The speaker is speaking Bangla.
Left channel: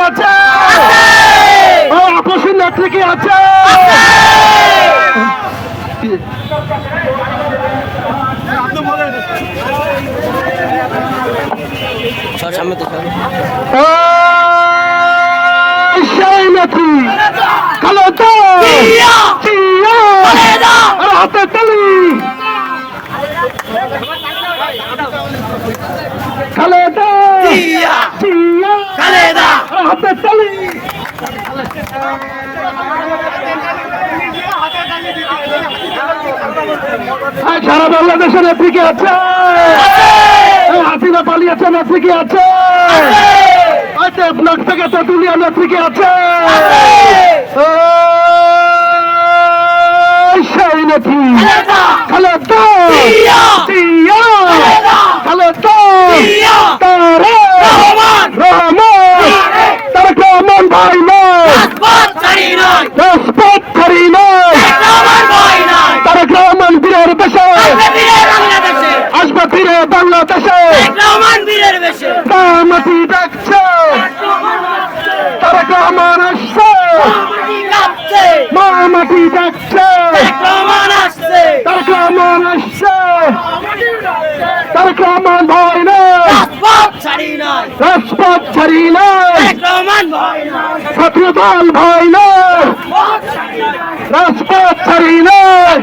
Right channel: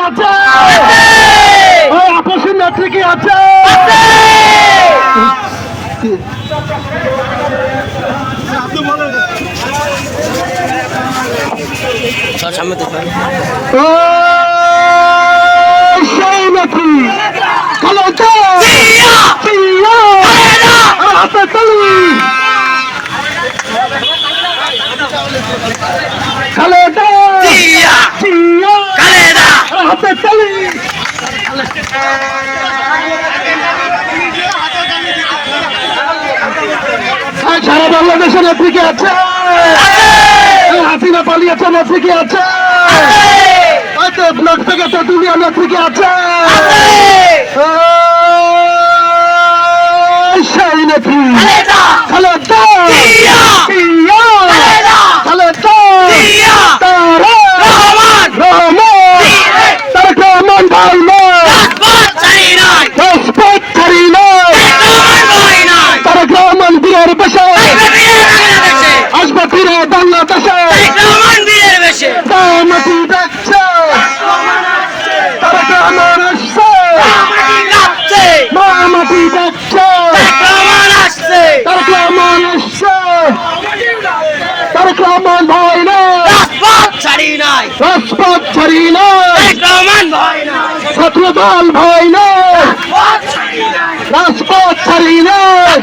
আছে আপসের নেত্রী কি আছে? সেই নেত্রী হাতে তালি খালেদা হাতে তালি সারা বাংলাদেশের নেত্রী কি আছে? হাসিনা পালিয়েছে নেত্রী কি আছে? ব্লক থেকে তো দুনিয়া নেত্রী কি আছে? সেই নেত্রী খালেদা খালেদা তারেক রহমান ভাই নয় রাজপথ ছাড়ি নয় তারেক রহমান বীরের বেশে আসবে ফিরে বাংলাদেশে মাটি দেখছে তারেক রহমান আসছে মাটি দেখছে তারেক রহমান আসছে তারেক রহমান ভয় নয় রাজপথ ছাড়ি নয় ছাত্র দল ভয় নয় রাজপথ ছাড়ি নয়